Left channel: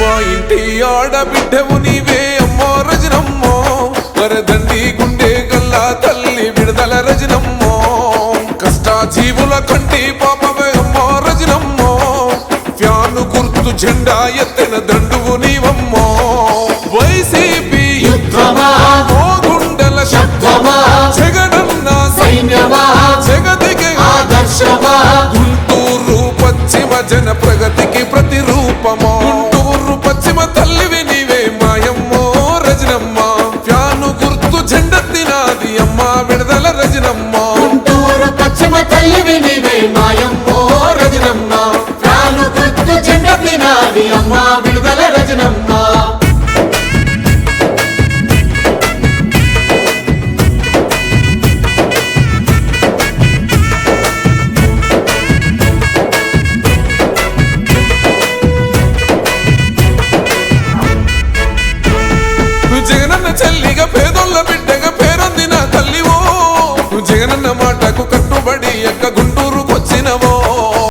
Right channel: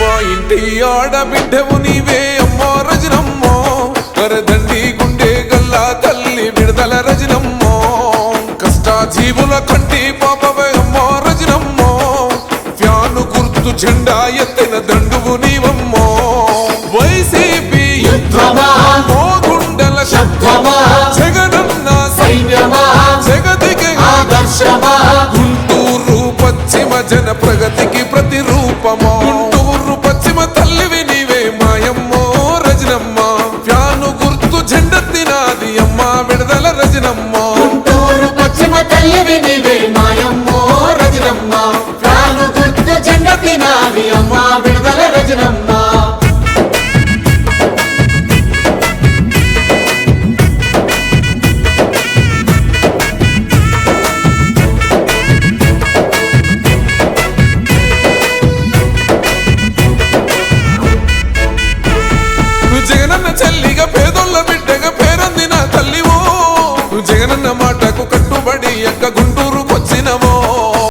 మా ఇంటి ఆడబిడ్డవు నీవే అమ్మో రజనమ్మో. వరదండి గుండె గల్లా తల్లి విడుదల రజనమ్మో. కష్టాజీవుల కంటి పాప ఫ్యాను గుర్తు జెండా ఎత్తిన దండువు నీవమ్మో. వైసీపీ యుద్ధమా? మోగుండల శబ్దమా? జగనన్న సైన్యమా? జగతికి ఆదర్శమా? గుంటూరు పశ్చిమ జన ప్రగతికి ప్రతిరూపమో? గుంటూరు పశ్చిమ తల్లివి నీవే మాయమ్మో రజనమ్మ. ఫ్యాను గుర్తు జెండెత్తినాది అమ్మ విడుదల రజనమ్మ. గుంటూరు పశ్చిమ తల్లివి నీవే మాయమ్మో అమ్మ విడుదల రజనమ్మ. జగనన్న చెల్లిగా పేదోళ్ళ బిడ్డగా పేరొందిన తల్లివో జగనన్న మాటకు కట్టుబడి ఎక్క గుంటూరుకొచ్చినవో.